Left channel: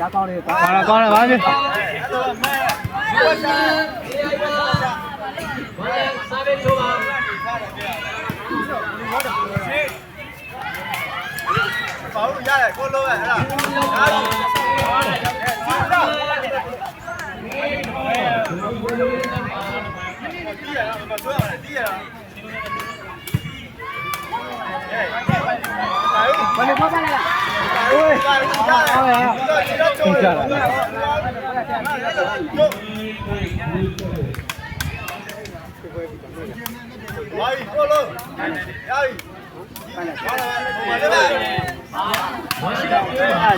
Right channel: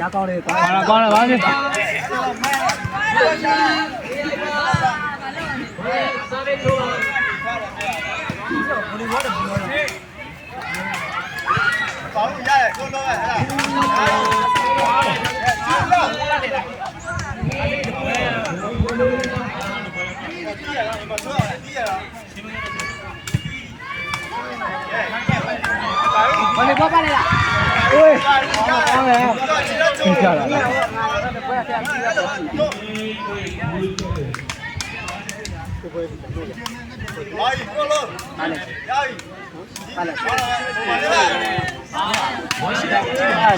ကောင်းတယ်ပါပြီ保护下来，过路哎，是吧？我你过来了。喂，下来，下来了。来，过路，来。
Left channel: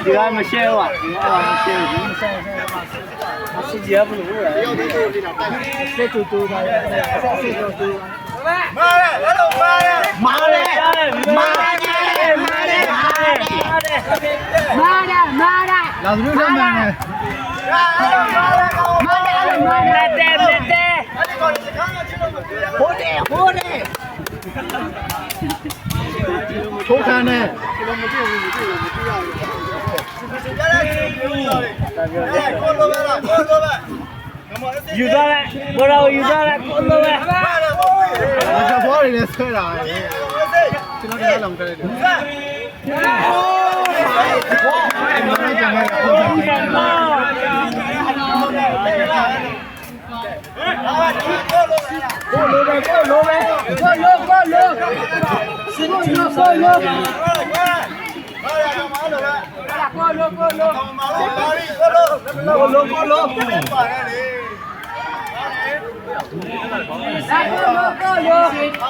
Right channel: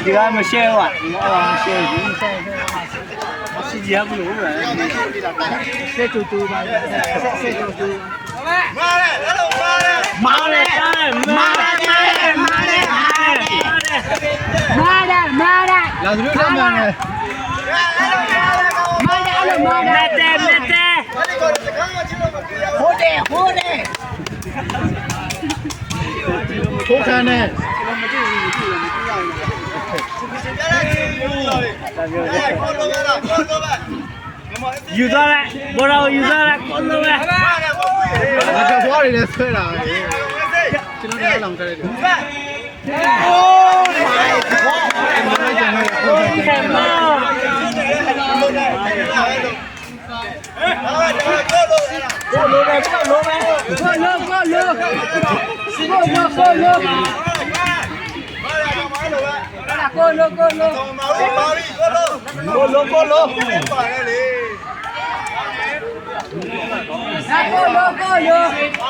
ဒီကမရှဲပါဒီကမရှဲဘူးစီကြဘူးလို့ဆက်တူတူပါဆက်တူတူမားတယ်လို့မားတယ်မားတယ်လာသူတို့တော့မှန်တယ်ထိုးခံနဲ့ယူသွားလိုက်ဘောတော်ယူသွားလိုက်ကိုလိုပဲငါကဖွားနေလဲဆွဲတာကျွန်တော်လည်းလောင်ခဲ့တယ်အိုးမိုင်ဂေါအဲ့မင်းကျန်နေကိုလိုပဲစီမို့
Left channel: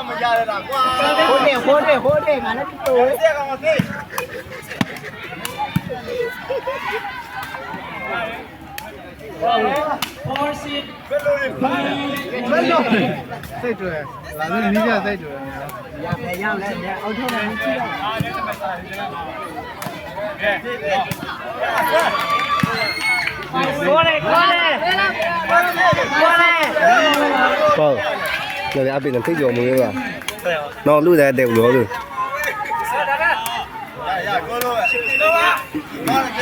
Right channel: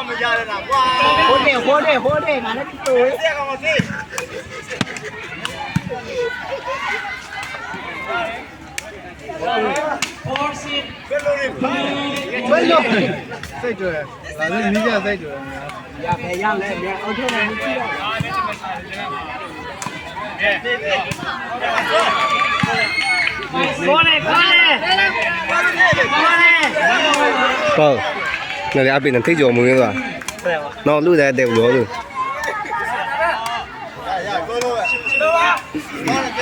မရရတာကွာခိုးတယ်ငါလည်းတူတယ်ဆက်ကောင်မသိဘယ်လိုလဲဖိုင်စိတ်တွေ့လာလို့နီးကြစိတ်တွေ့ရခဲ့ရောက်လဲအောက်ထက်လည်းကြည့်တော့ကိုလေဟုတ်လည်းအပိနဲ့ထိတ်ကြော်မွေးသွားနော်လူတဲ့တဲ့လို့လို့ရကိုလိုပဲလိုပါဘာလဲ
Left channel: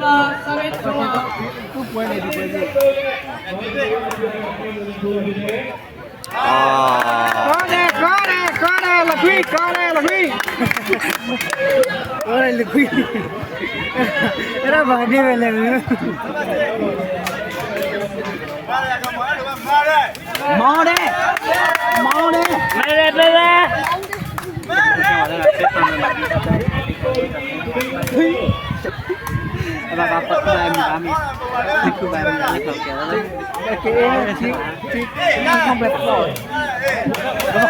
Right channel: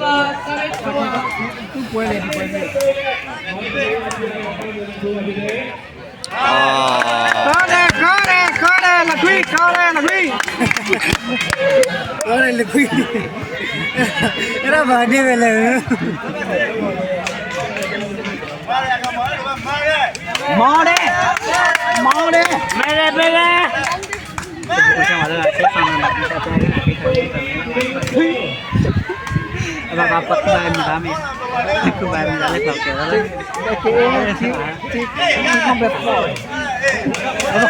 ဘာလဲသူ့ပွဲလေဒီပွဲကြီးခေါ်တယ်လခွေးအဲ့ဒါဘာနေပဲလဲမော်တယ်မဲအဲ့ဒါပတ်လာမိသားမေခုပါမလာလက်တော့ကဲတယ်ကိုခံဘက်ပေါ်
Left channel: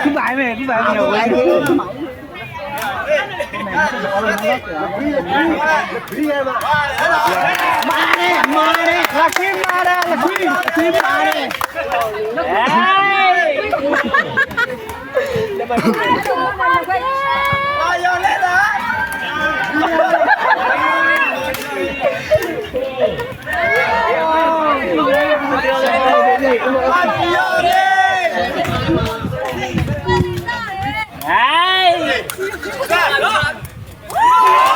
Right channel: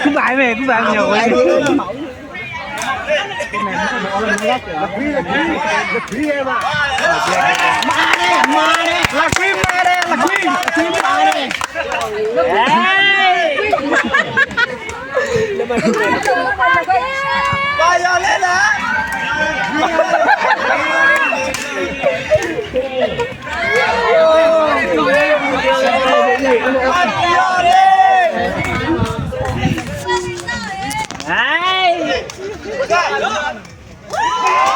ခုပါမယ်ရောမားတယ်လာခွေးပါရလ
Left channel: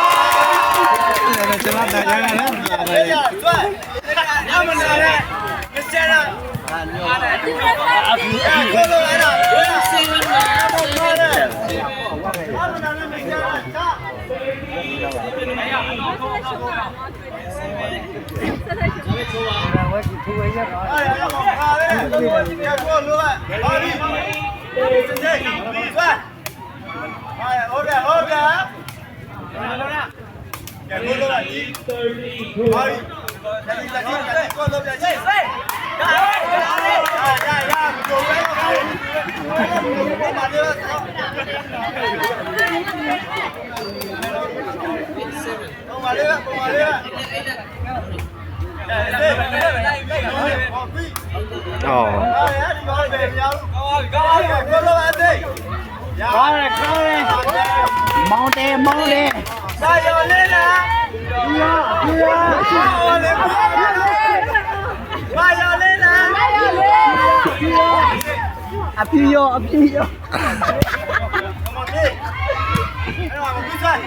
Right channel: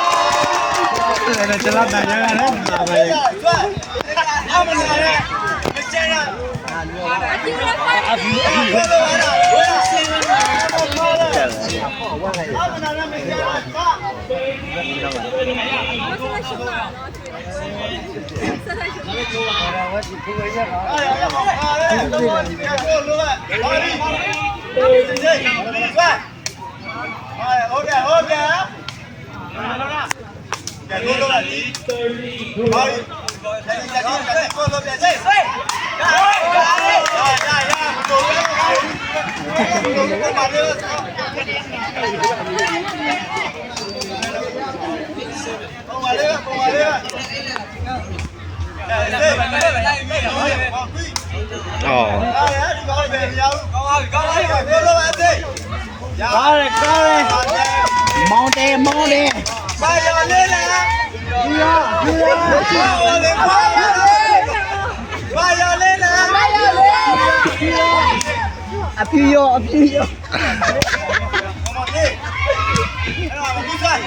ဲလားမောင်းတယ်ပါရလဲလားပါရလဲလား အပြူရောအပြူရော Come on, hey. Era, vamos a ir.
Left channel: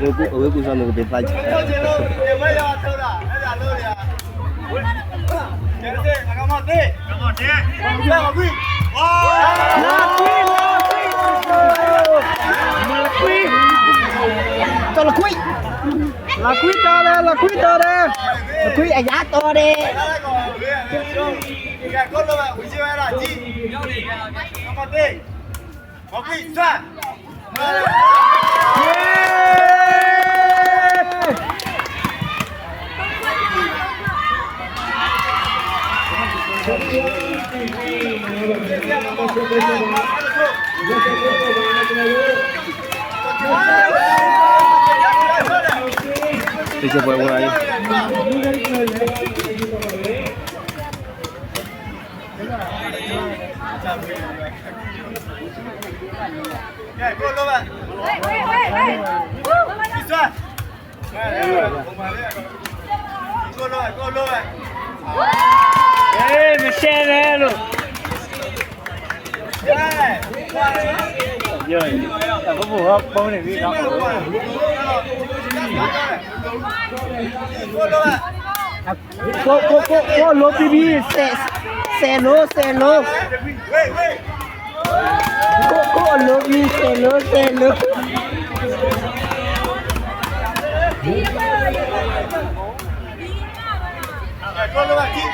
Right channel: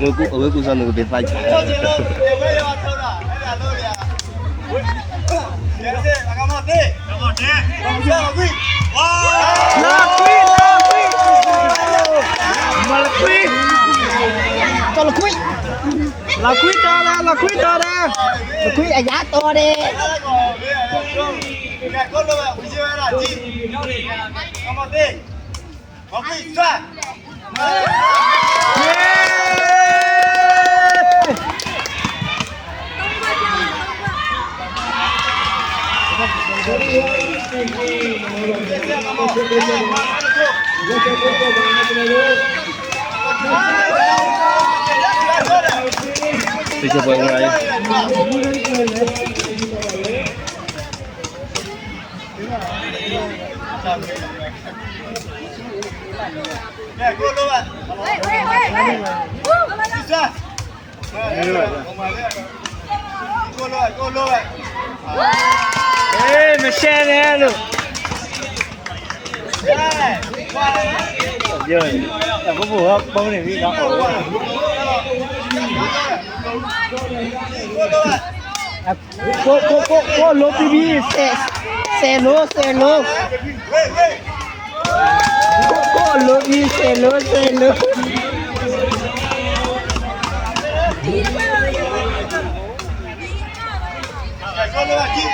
ဝေကူဆောင်လို့ပဲဖိုက် Todo lleno, le voy a llevar toda. Era, todo ya. Hagamos té. Vamos a ir. တော်လခွိလာခွိတော်တယ်လာခွိတော်တယ်လာခွိအရာတော်တယ် Mira, con lo va, uy, lleva la chi. Vamos a ir. Vamos a ir, sal. ဒီချက်ပွဲဝင်လာရေး Mira, con lo va. Sal. Con lo va. အေးမရှဲနဲ့လို့ပြောတယ်အခုဘုရားပုံနေပြီတော့ ကိုလိုပီပီဆယ်လိုကိုလိုပီဆယ်လို Con lo va, chi.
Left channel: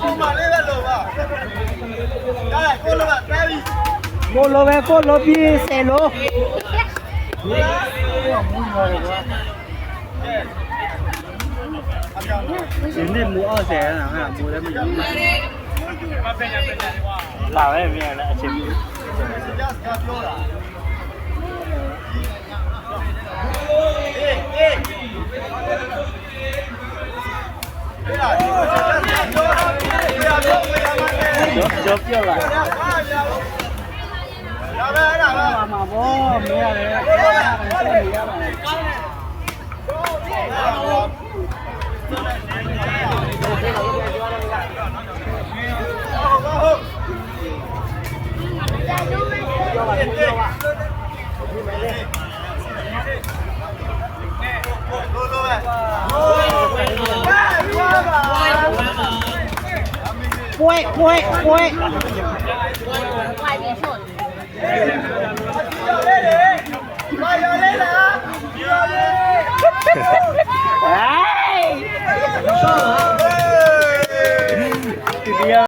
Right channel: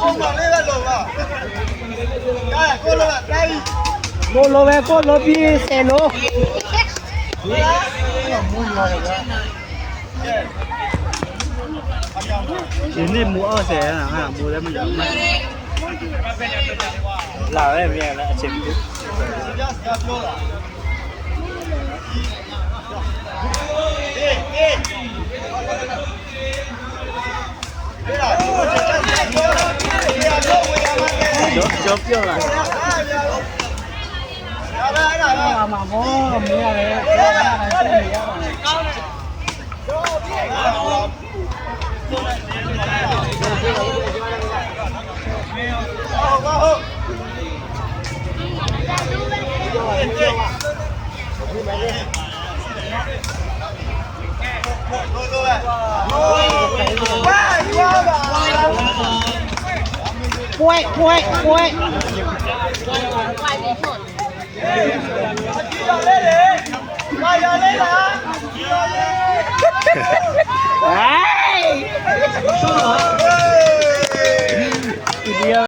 ပုံမှန်လေးပဲလို့ပါကိုလိုပါတိုင်း ကိုလိုပဲကိုလိုပီဆယ်လို ဒီနေ့မူအောင်ဆယ်ရဟာမူလည်းမယူလာပဲမြန်လည်းအချိန်ပြီ ပြောတာအေးဒီလားဒီကိုချက်ချက်ပြောတာဒီအတော့ဝေးရမှာတဲ့ ကျော်ပြောလာ ရပါအဲ့ဒါပါ မှာဘောမရတယ်ဆက်နေရပါမယ် ဟုတ်ပွဲပါရလေးလား ဟေး